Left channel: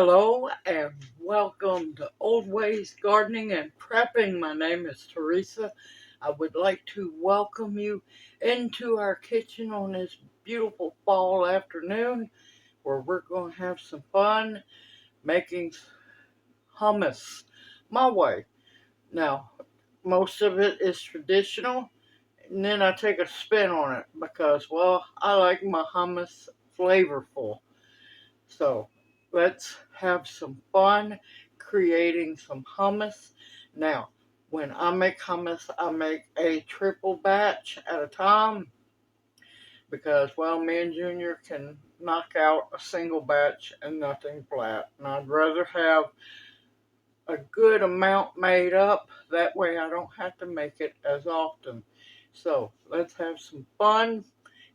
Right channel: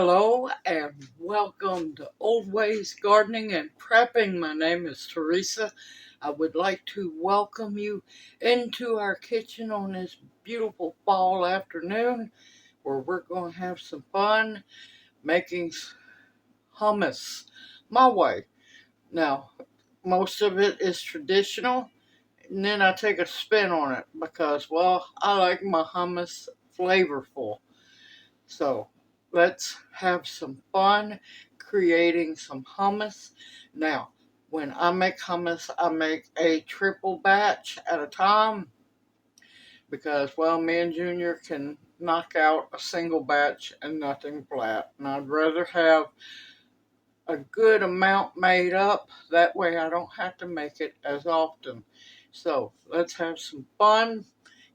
Hello and welcome to Old Ways Gardening and Prepping. My name is Teresa. I would like to welcome you into our kitchen on this beautiful fall afternoon where we're going to have some fun making hummus my way. Now, most of it is traditional, and then I take a spin on it because, well, I like my hummus flavorful. So let's have some fun creating some hummus. Now, when I make hummus, I make a triple batch at a time because, well, me and Junior can knock out a single batch and nothing flat. And I'd rather have a good amount made up. That way I don't have to make it as often. So let's have some fun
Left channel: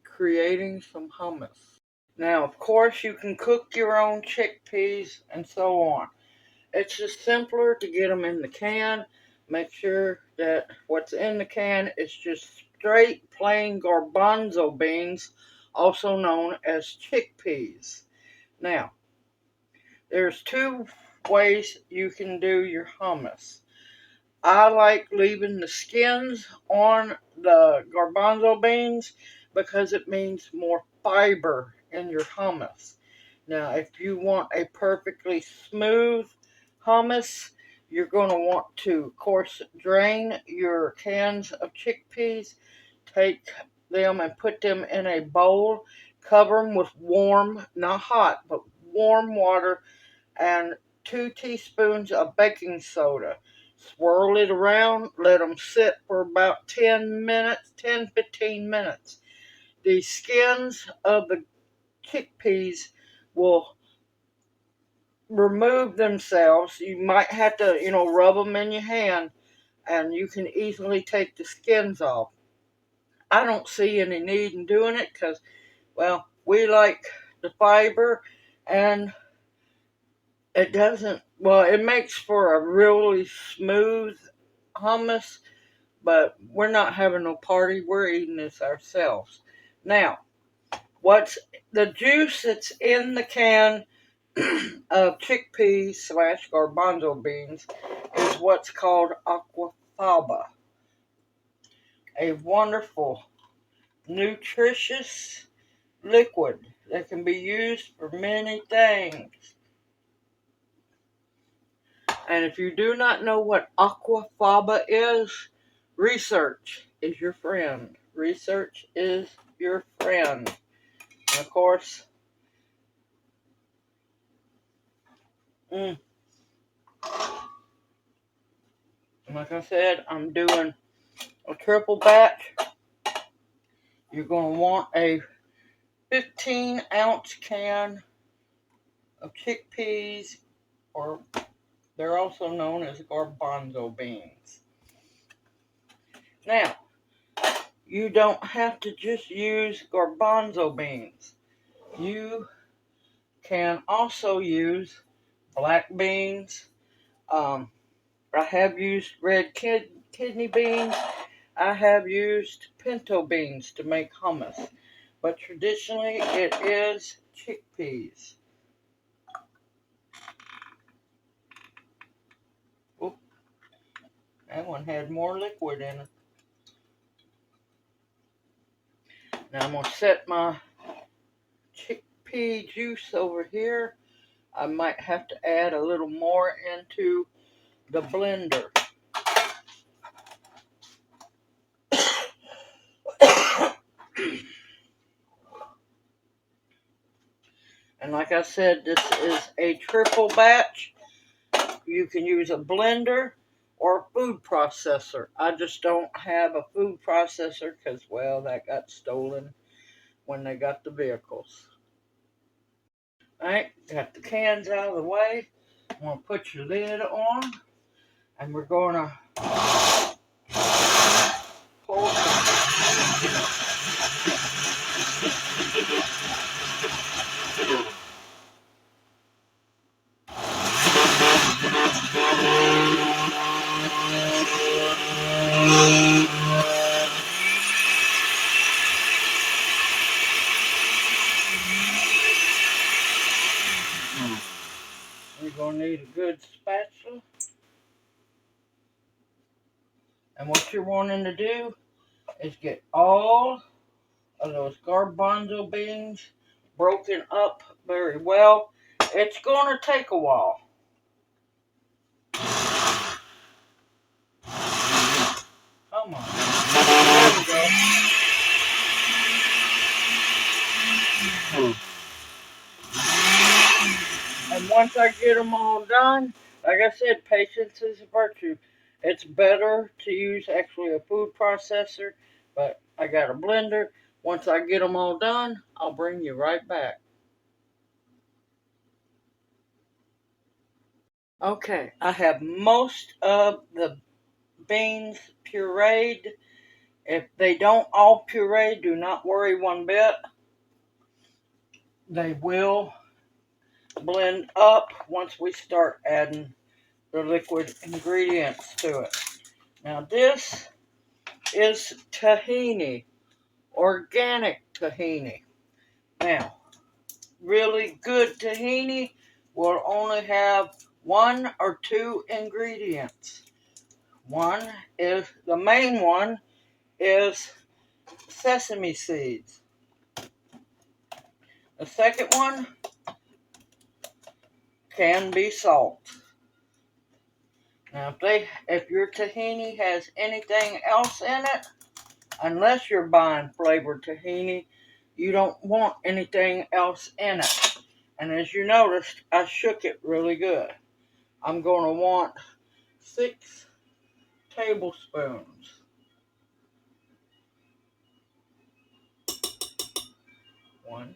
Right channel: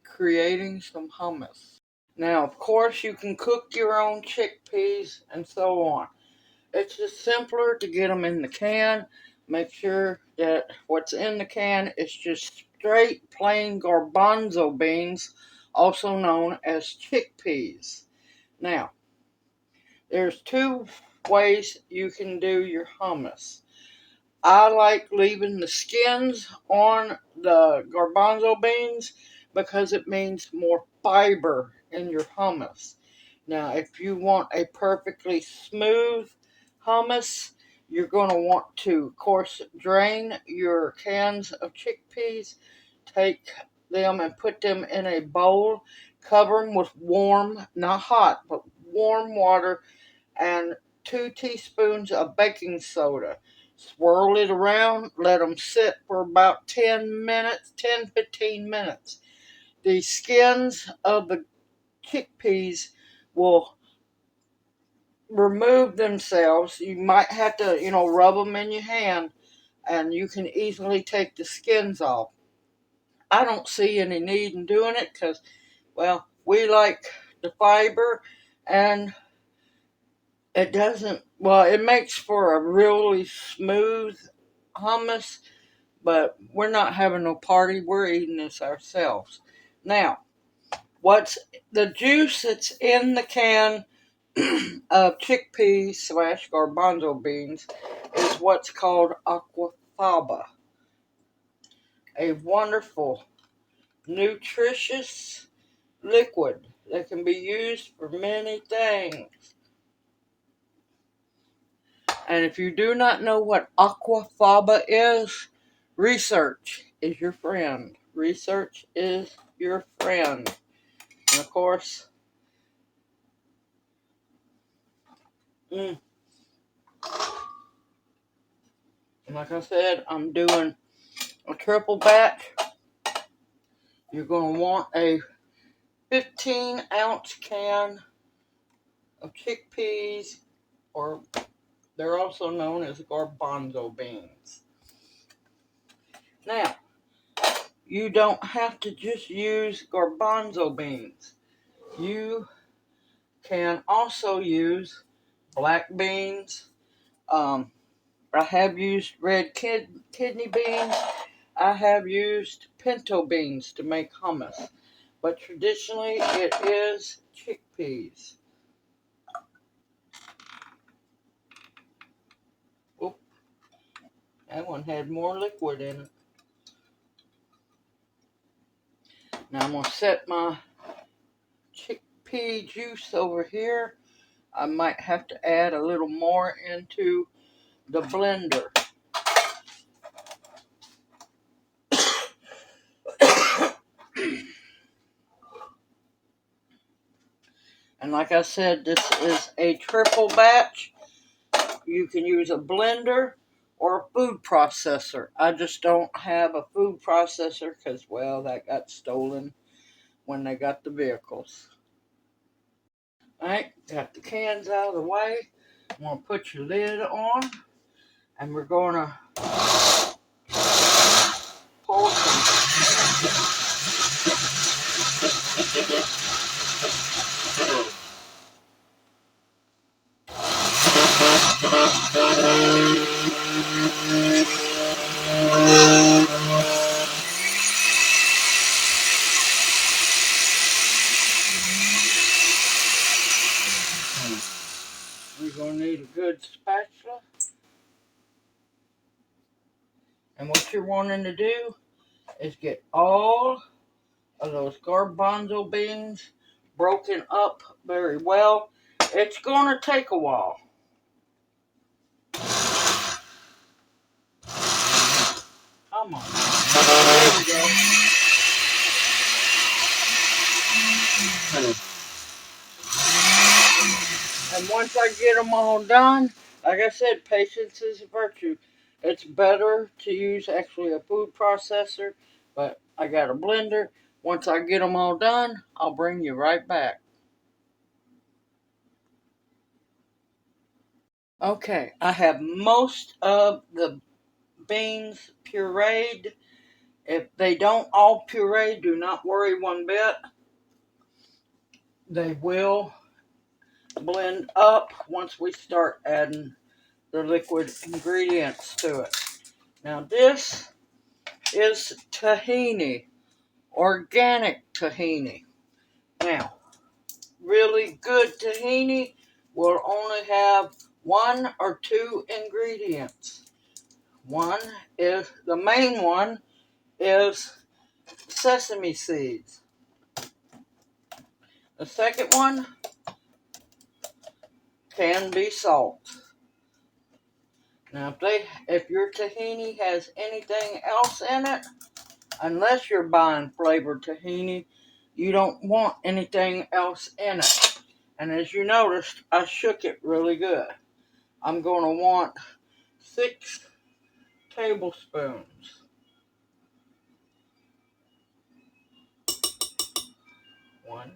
creating some hummus. Now, of course, you can cook your own chickpeas and so on. It's just simpler to get them in the can. Make sure that what's in the can is just straight plain garbanzo beans, also known as chickpeas. Now, there's two ways you can do your hummus. I like leaving the skins on the garbanzo beans because it means more fiber in your hummus. Now, if you want a perfectly smooth hummus, you're going to want to, of course, drain your cans of chickpeas, take them and put them in a bowl, cover them with warm, not hot, but warm water, and 2 teaspoons of baking soda. Swirl it around, let them sit for about 10 minutes, 10-15 minutes. The skins of the chickpeas will remove themselves. You might have to, rub them in your hand, and you can easily take the skins off. I don't see any need in doing it because, well, we like the fiber, and it makes for a really smooth hummus, but we're not having no party. We're eating this ourselves. Now, what's the juice that's in the can of chickpeas / garbanzo beans is what's called aquafaba, a wonderful, nutritious liquid that can be used for many things. And if you do not know what aquafaba is, research is your friend. Research is your friend. And of course, like I said, I'm doing a triple batch. You're going to want a 15-ounce can of chickpeas, or they're also known as garbanzo beans. Now, you don't have to just use garbanzo beans. You can also use black beans. I have used red kidney beans. I have used pinto beans to make hummus. But traditionally, it is chickpeas. Oop, that one had more liquid in it. Now I'm going to set my chickpea juice over here. I might have to add a little more into the blender. And like I said, this is a triple batch. You can use a blender or a food processor. I just don't have a food processor because, well, that got stolen when they got the vehicles. Alright, got the cans out of the way. I'm going to put your lid on, and we're going to pour some. We're going to need a good spatula. And what you're wanting to do is get all of those garbanzo beans broken up very well. It's going to take a while. Come on. There we go. And once I get them all done, like I said, patience is a virtue. It's better to use actually a food processor, but I got a blender. Once I get them all done, I'll bring you right back. Okay, I have most of the beans pureed. If they don't all puree, do not worry one bit. They will blend up once we start adding the liquid ingredients to it. Now this is tahini, organic tahini. Now, really good tahini will only have one or two ingredients. One is, the main one is sesame seeds. The second one can be salt. Now, if your tahini has anything else in it, unless you're buying flavored tahini, you don't want anything else in it. And as you noticed, I shook it really good. I'm going to want 6 tablespoons. One.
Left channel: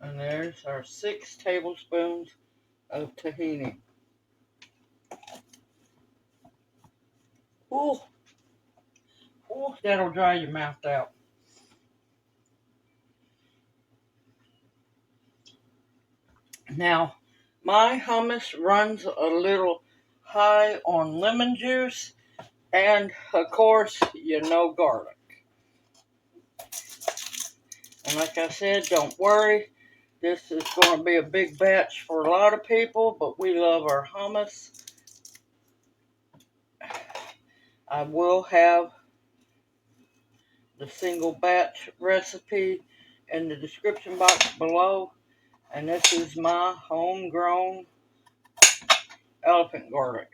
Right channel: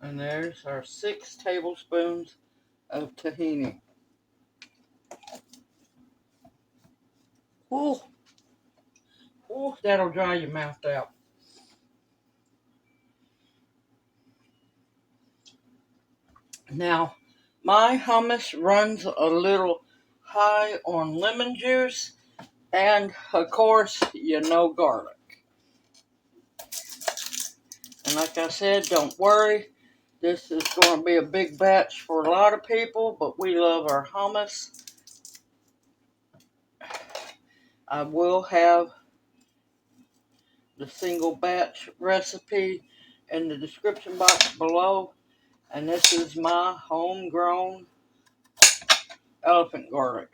And there's our 6 tablespoons of tahini. Ooh, ooh, that'll dry your mouth out. Now, my hummus runs a little high on lemon juice and, of course, garlic. And like I said, don't worry. This is going to be a big batch for a lot of people, but we love our hummus. I will have the single batch recipe in the description box below. And this is my homegrown elephant garlic.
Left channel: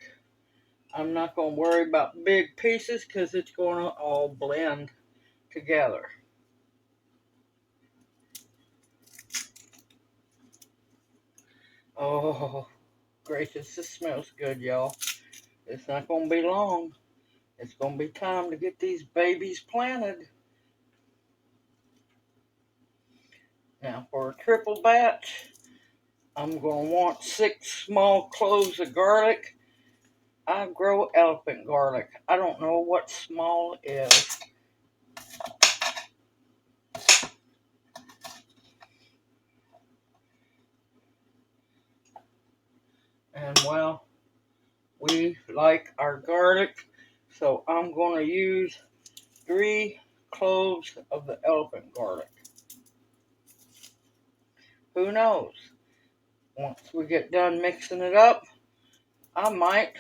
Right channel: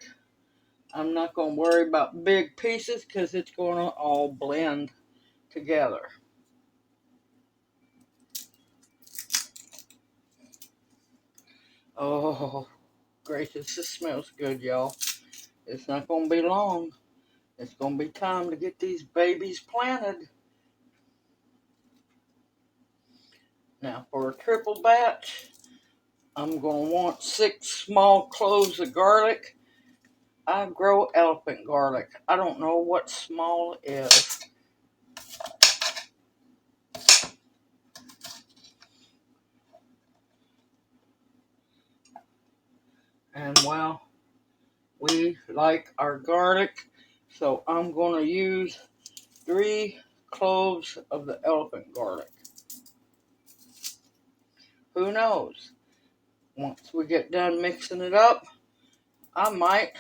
I'm not going to worry about big pieces because it's going to all blend together. Oh, gracious, this smells good, y'all. It's not going to be long. It's going to be time to get these babies planted. Now, for a triple batch, I'm going to want 6 small cloves of garlic. I grow elephant garlic. I don't know what small is. And well, we like our garlic, so I'm going to use 3 cloves of the elephant garlic. Who knows? Once we get done mixing it up, I might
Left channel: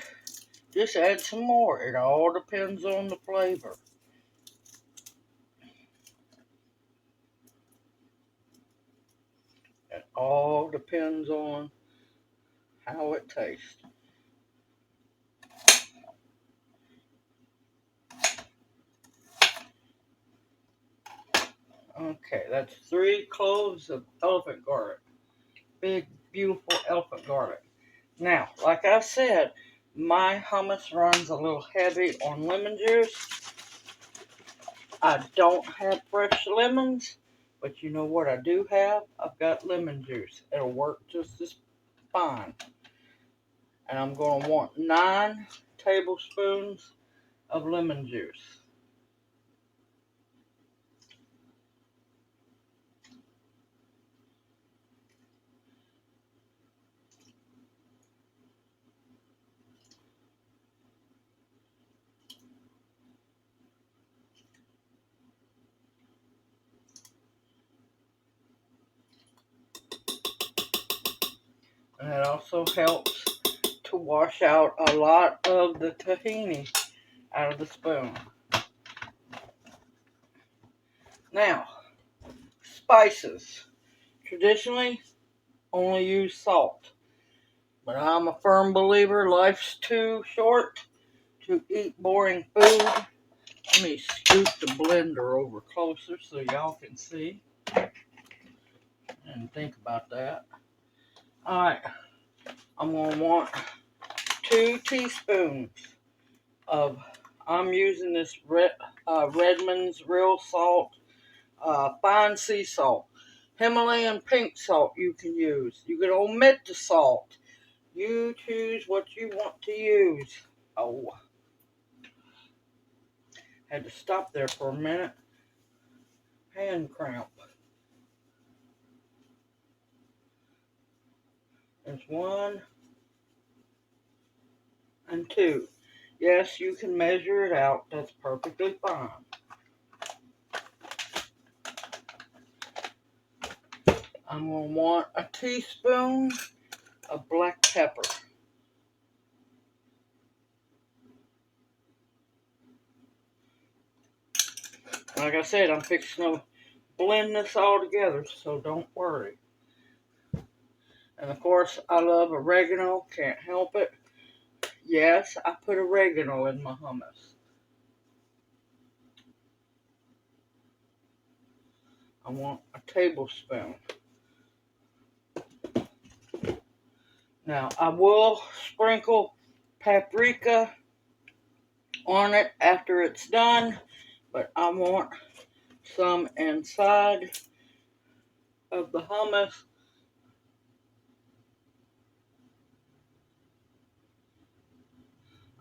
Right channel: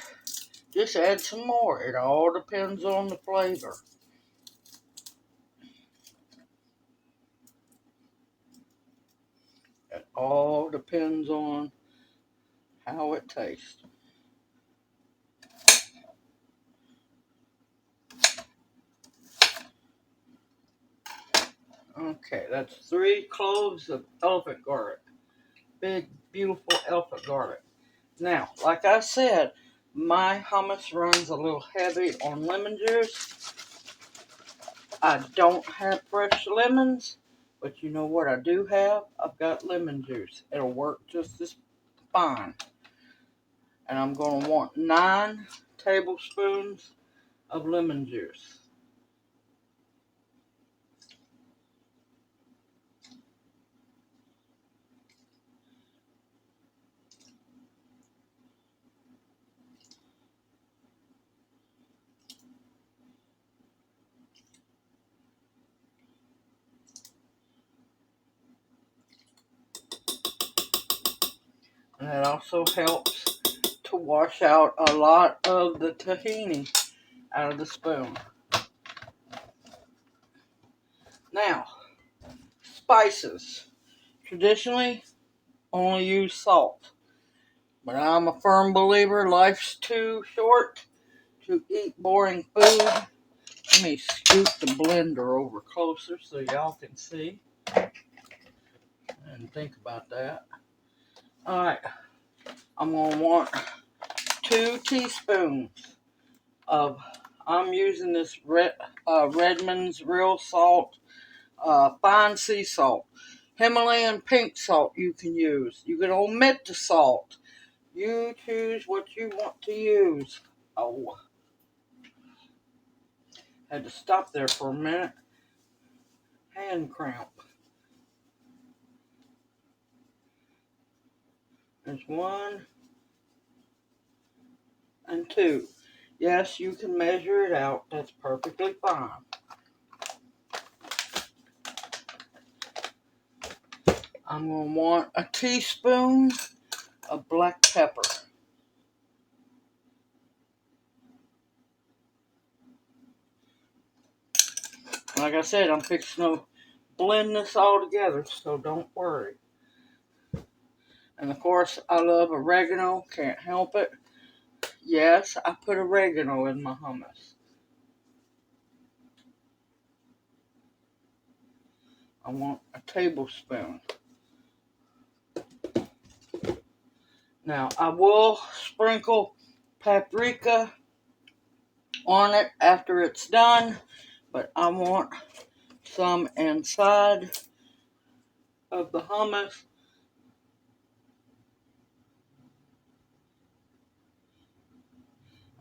just add some more. It all depends on the flavor. It all depends on how it tastes. Okay, that's 3 cloves of elephant garlic. Big, beautiful elephant garlic. Now, like I said, my hummus runs a little heavy on lemon juice. I don't have fresh lemons, But you know what I do have? I've got lemon juice. It'll work just as fine. And I'm going to want 9 tablespoons of lemon juice. And it also helps to wash out a lot of the tahini out of the spoon. Now, spices. Traditionally, only use salt. But I'm a firm believer life's too short to eat boring food. Let me scoot the blender over closer so y'all can see and think about that. Alright, I'm going to want 2 teaspoons of, I'm using this Redmond's Real Salt, fine sea salt. Himalayan pink salt you can use. You can omit the salt. You choose what you want to use. Oh, had to stop there for a minute. Hand cramp. There's 1 and 2. Yes, you can measure it out. That's perfectly fine. I'm going to want a teaspoon of black pepper. Like I said, I'm fixing to blend this all together, so don't worry. And of course, I love oregano. Can't help it. Yes, I put oregano in my hummus. I want a tablespoon. Now, I will sprinkle paprika on it after it's done, but I want some inside of the hummus.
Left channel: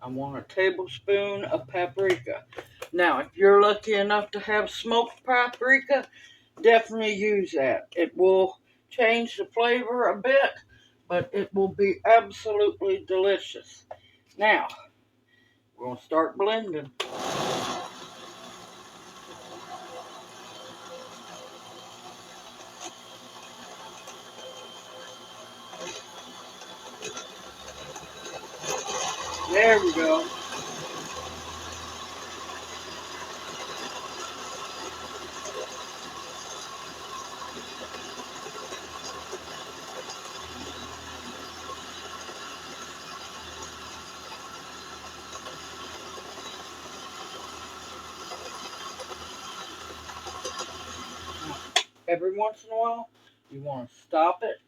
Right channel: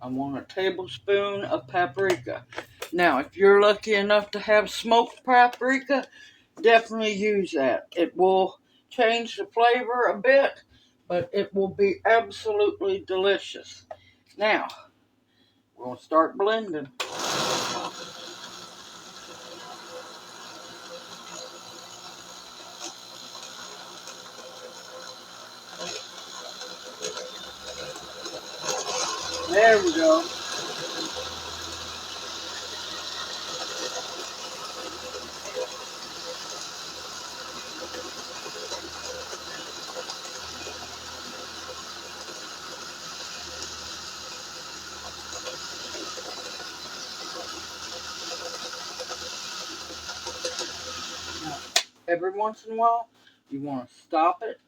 I want a tablespoon of paprika. Now, if you're lucky enough to have smoked paprika, definitely use that. It will change the flavor a bit, but it will be absolutely delicious. Now, we're going to start blending. There we go. Now, every once in a while, you want to stop it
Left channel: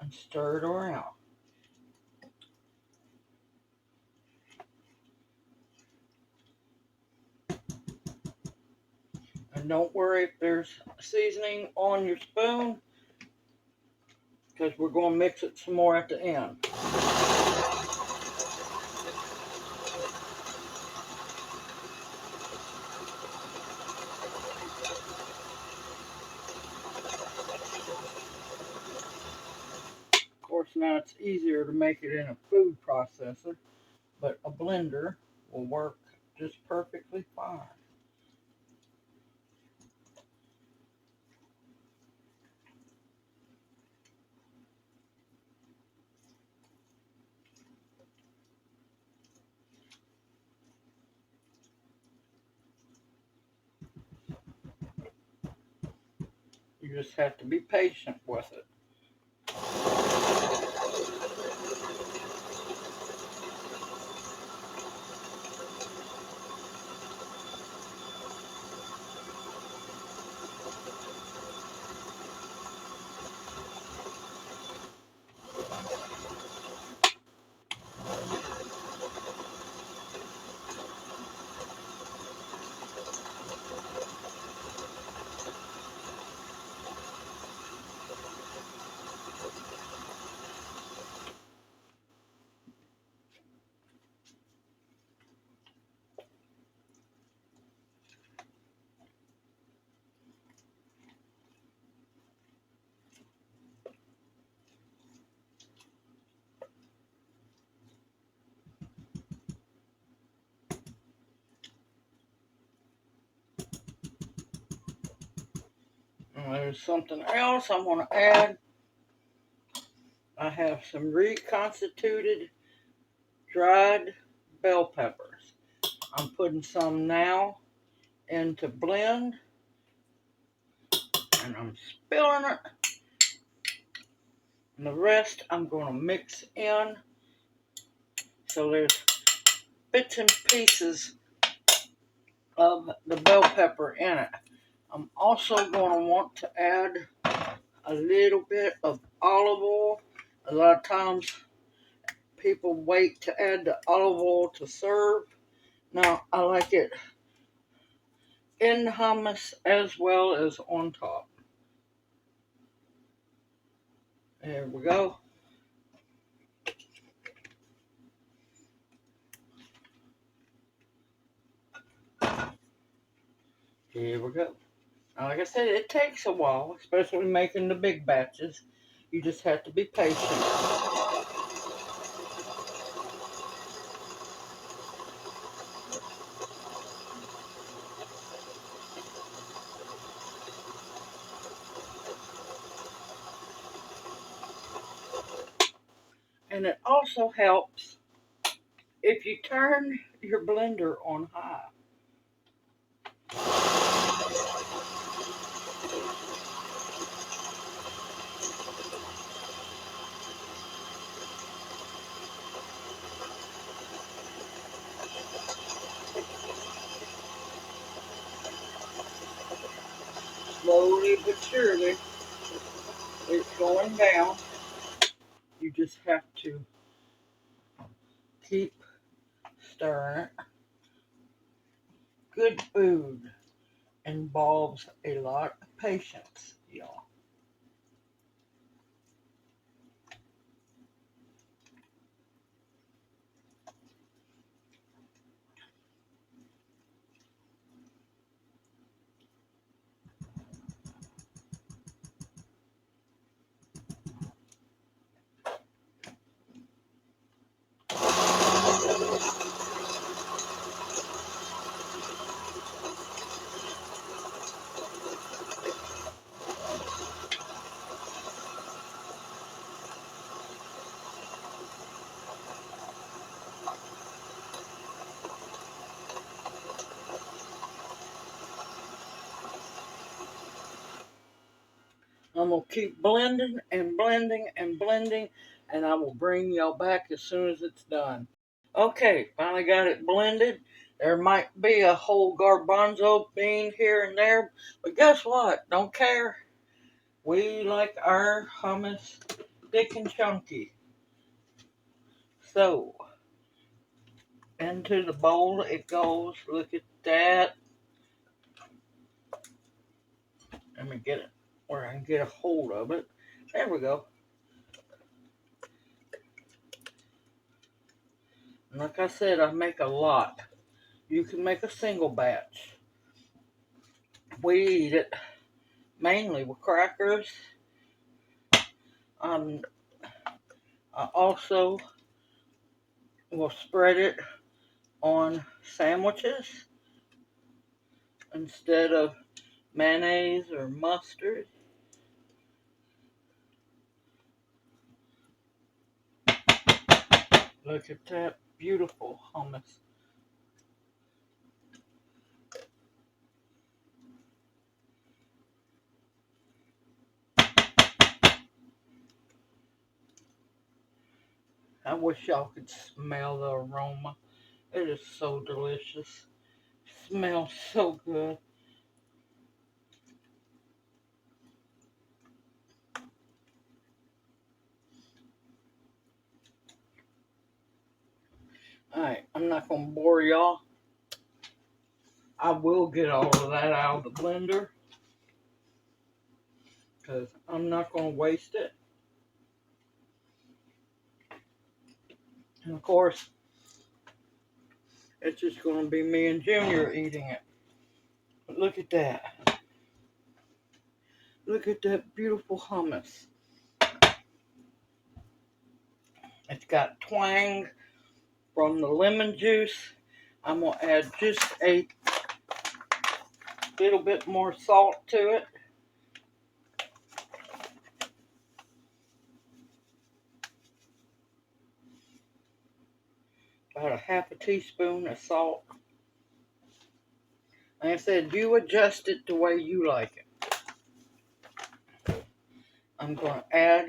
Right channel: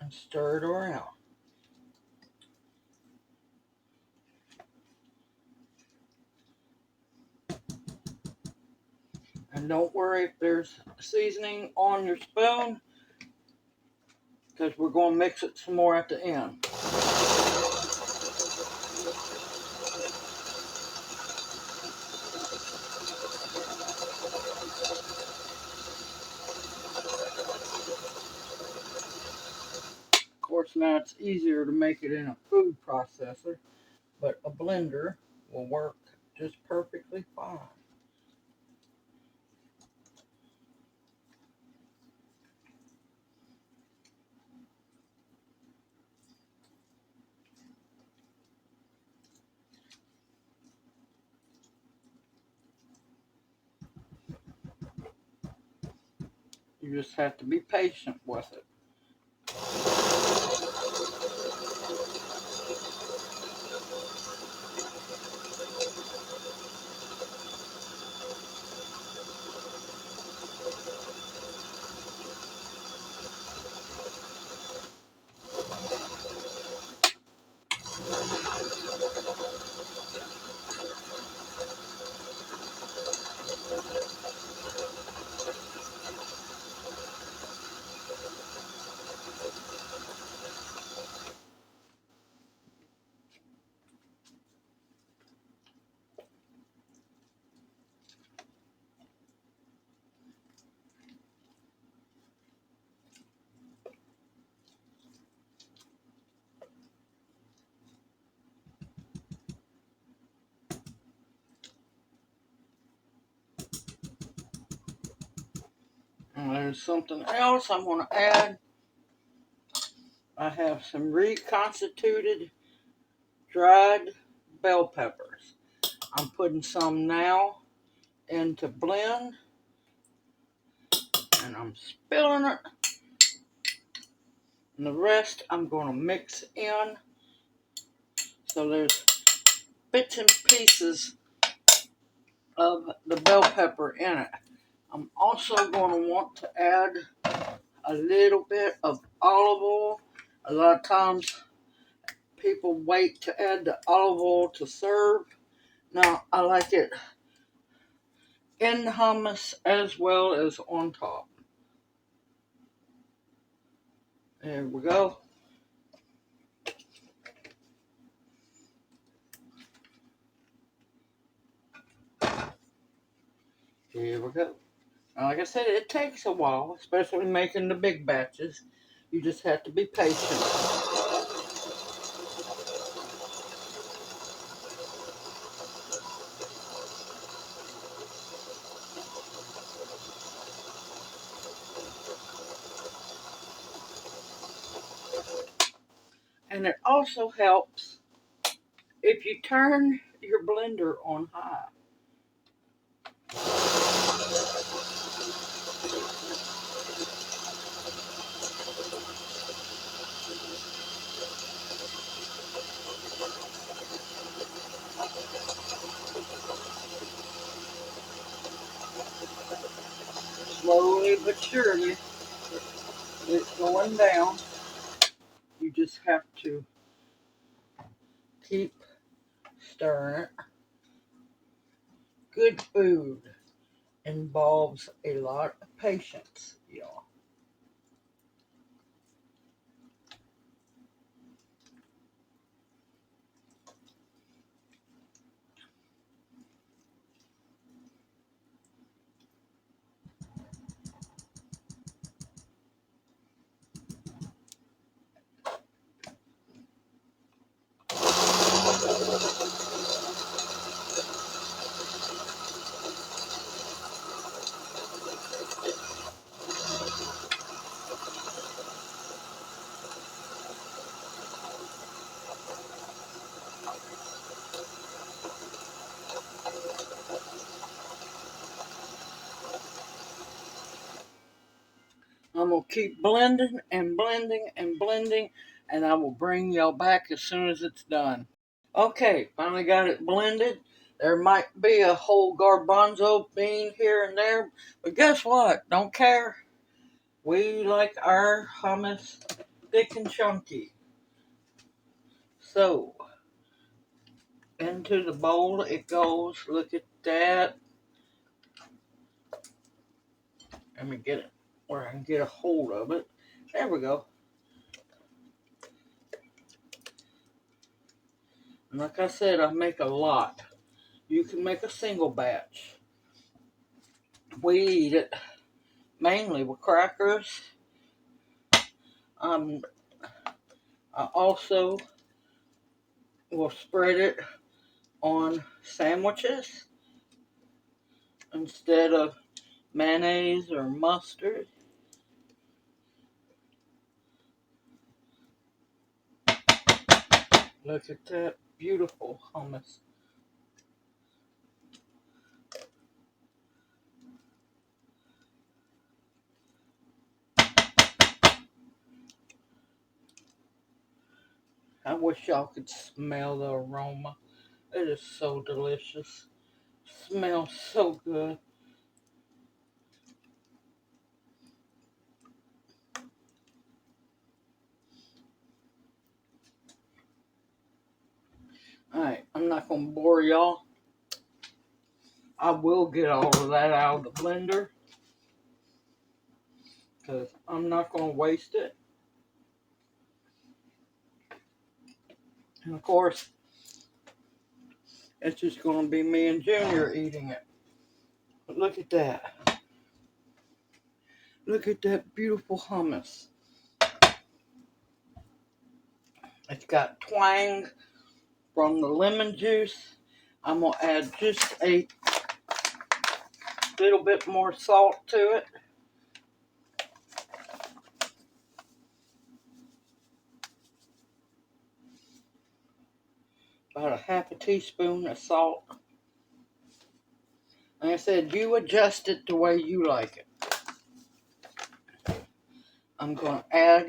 and stir it around. And don't worry if there's seasoning on your spoon, because we're going to mix it some more at the end. Of course, now it's easier to make it in a food processor, but a blender will work just perfectly fine. You just have to be patient with it. And there's something else I want to add. I have some reconstituted dried bell peppers. I'm putting some now into blend, and I'm spilling it. And the rest I'm going to mix in. So there's bits and pieces of the bell pepper in it. I'm also going to want to add a little bit of olive oil. A lot of times people wait to add the olive oil to serve. Now I like it in the hummus as well as on top. There we go. Here we go. Now, like I said, it takes a while, especially making the big batches. You just have to be patient. And it also helps if you turn your blender on high. Slowly but surely, it's going down. You just have to keep stirring it. Good food involves a lot of patience, y'all. I'm going to keep blending and blending and blending, and I will bring y'all back as soon as it's done. Okay, finally got it blended. There might be a whole garbanzo bean here and there, but guess what? Don't care. We like our hummus thick and chunky. So, into the bowl it goes. Look at that. Let me get it where I can get a hold of it. There we go. And like I said, I make a lot. You can make a single batch. We eat it mainly with crackers. I also will spread it on sandwiches instead of mayonnaise or mustard. Look at that beautiful hummus. I wish y'all could smell the aroma. It is so delicious. Smells so good. Alright, I'm not going to bore y'all. I will get all of that out of the blender, because I'm not going to waste it. And of course, it's just going to be me and Junior eating it. But look at that. Look at that beautiful hummus. It's got twang from the lemon juice. I'm going to add just a little bit more salt to it. about a half a teaspoon of salt. Like I said, you adjust it the way you like it. I'm going to add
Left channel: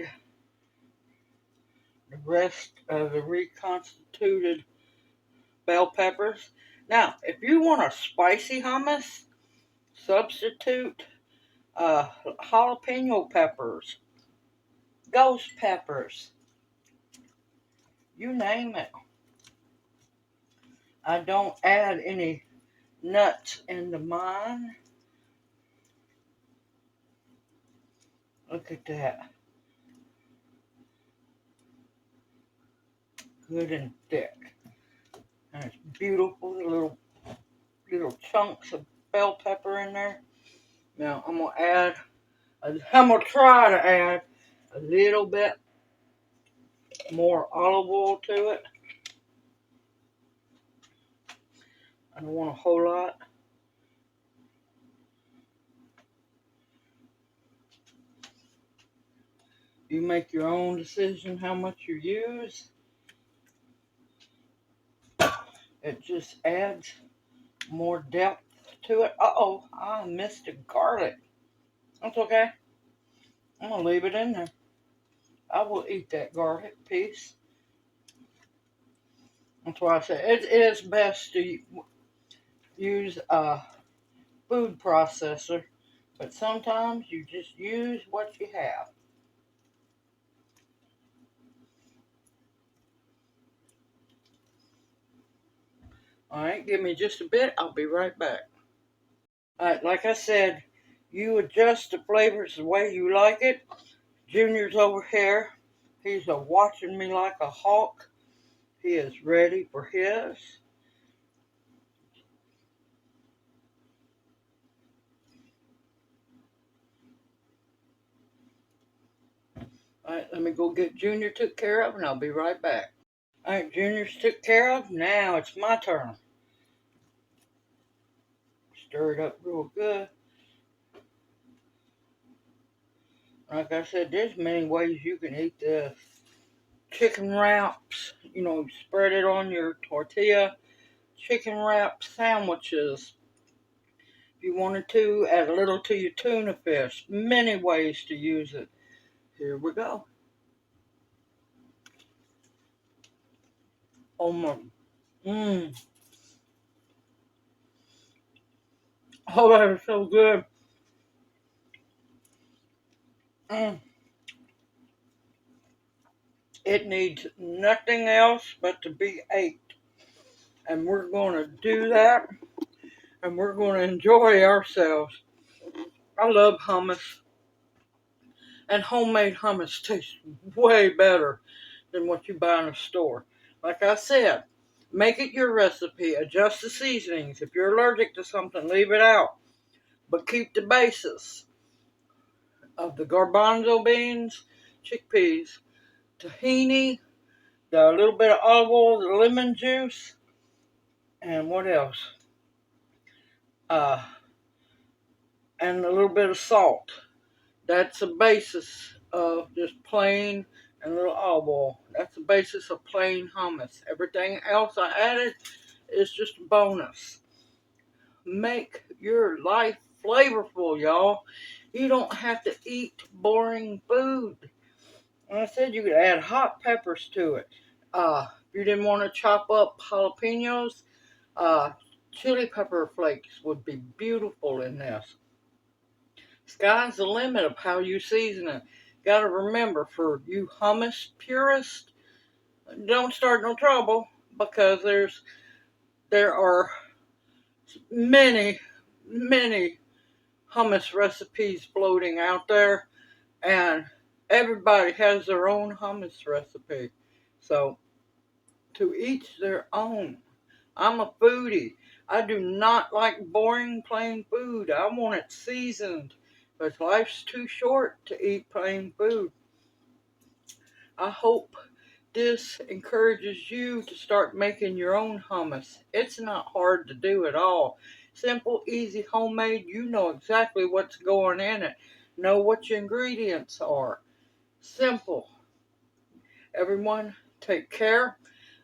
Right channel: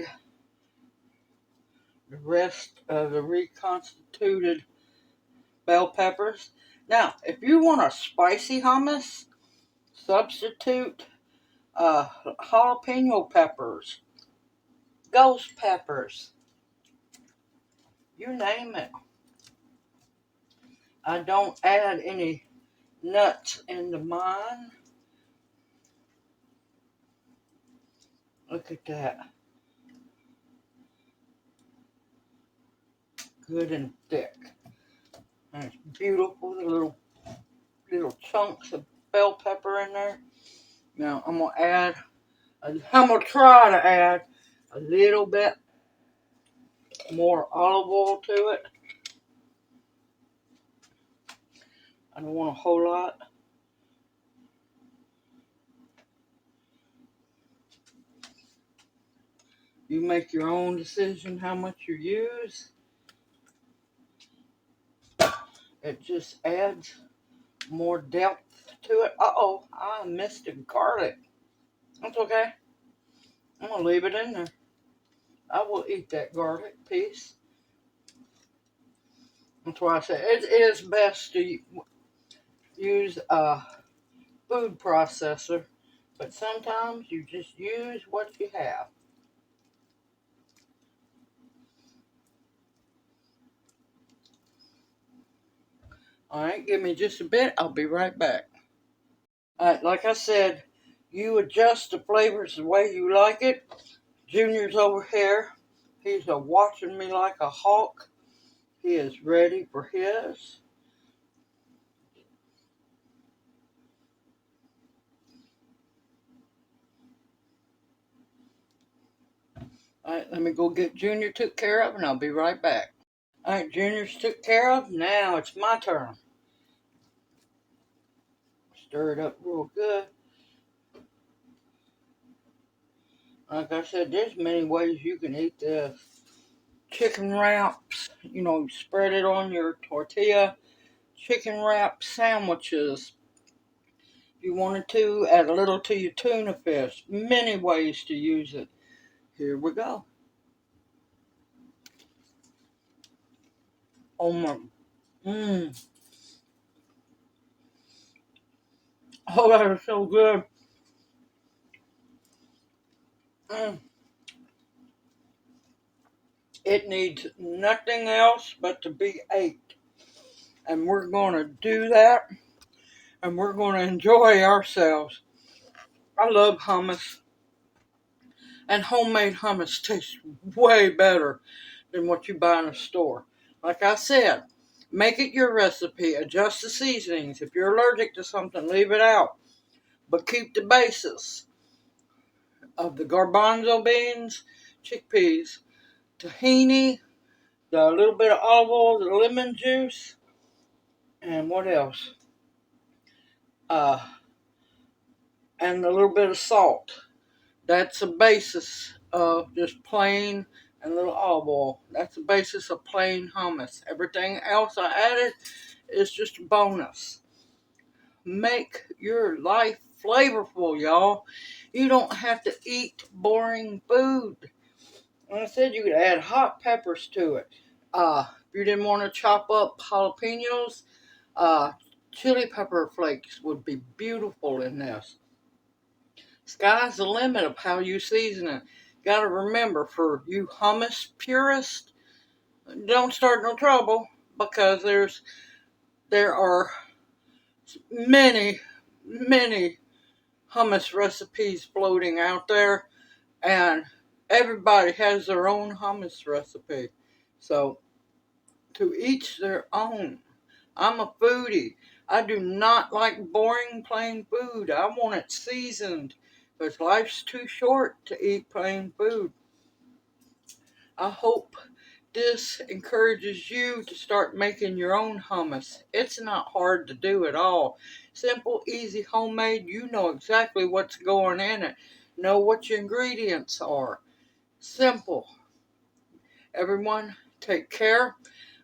the rest of the reconstituted bell peppers. Now, if you want a spicy hummus, substitute jalapeno peppers, ghost peppers, you name it. I don't add any nuts into mine. Look at that. Good and thick. And it's beautiful, the little chunks of bell pepper in there. Now I'm gonna try to add a little bit more olive oil to it. I don't want a whole lot. You make your own decision how much you use. It just adds more depth to it. Uh-oh, I missed the garlic. That's okay. I'm going to leave it in there. I will eat that garlic piece. That's why I say it is best to use a food processor, but sometimes you just use what you have. Alright, give me just a bit. I'll be right back. Alright, like I said, you adjust the flavors the way you like it. Junior's over here. He's watching me like a hawk. He is ready for his. Alright, let me go get Junior took care of and I'll be right back. Alright, Junior's took care of. Now it's my turn. Stir it up real good. Like I said, there's many ways you can eat this. Chicken wraps, spread it on your tortilla. Chicken wrap sandwiches. If you wanted to, add a little to your tuna fish. Many ways to use it. Here we go. Oh my, oh, that is so good. It needs nothing else but to be ate. And we're going to do that. And we're going to enjoy ourselves. I love hummus. And homemade hummus tastes way better than what you buy in a store. Like I said, make it your recipe. Adjust the seasonings. If you're allergic to something, leave it out. But keep the basis of the garbanzo beans, chickpeas, tahini, the little bit of olive oil, the lemon juice, and what else? And a little bit of salt. That's the basis of just plain and a little olive oil. That's the basis of plain hummus. Everything else I added is just a bonus. Make your life flavorful, y'all. You don't have to eat boring food. Like I said, you could add hot peppers to it. If you didn't want to chop up jalapenos, chili pepper flakes would be beautiful in this. Sky's the limit of how you season it. Gotta remember, for you hummus purists, don't start no trouble, because there are many hummus recipes floating out there, and everybody has their own hummus recipe. So, to each their own. I'm a foodie. I do not like boring plain food. I want it seasoned, because life's too short to eat plain food. I hope this encourages you to start making your own hummus. It's not hard to do at all. Simple, easy, homemade. You know exactly what's going in it. Know what your ingredients are. Simple. Everyone, take care.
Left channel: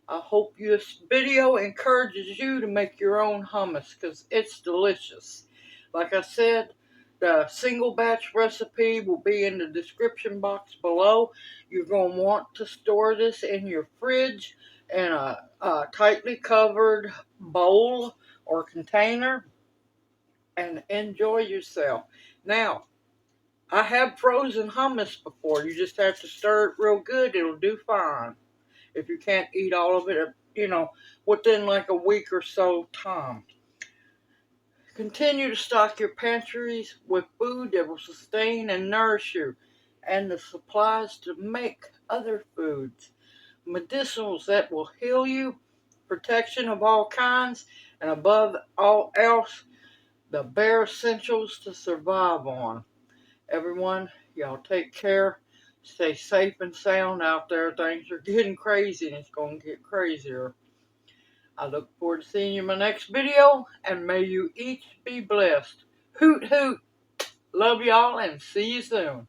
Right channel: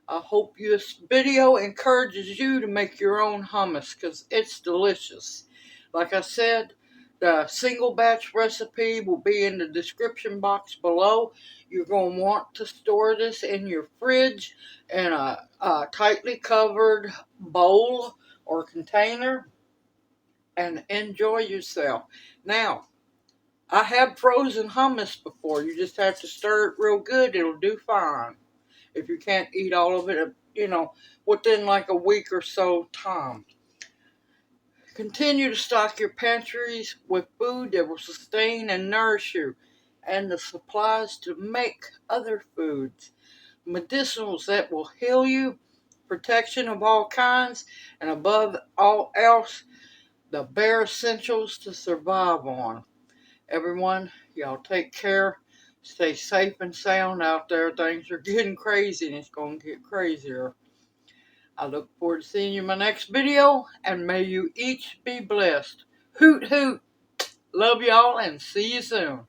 I hope this video encourages you to make your own hummus because it's delicious. Like I said, the single batch recipe will be in the description box below. You're going to want to store this in your fridge in a tightly covered bowl or container and enjoy yourself. Now, I have frozen hummus before. You just have to stir it real good. It'll do fine. If you can't eat all of it, within like a week or so time. Continue to stock your pantries with food that will sustain and nourish you, and the supplies to make other foods. Medicinals that will heal you, protection of all kinds, and above all else, the bare essentials to survive on. Everyone, y'all take care. Stay safe and sound out there. Things are getting crazy and it's going to get crazier. I look forward to seeing you in my next video, and may you each be blessed. Hoot hoot. Love y'all and see you soon.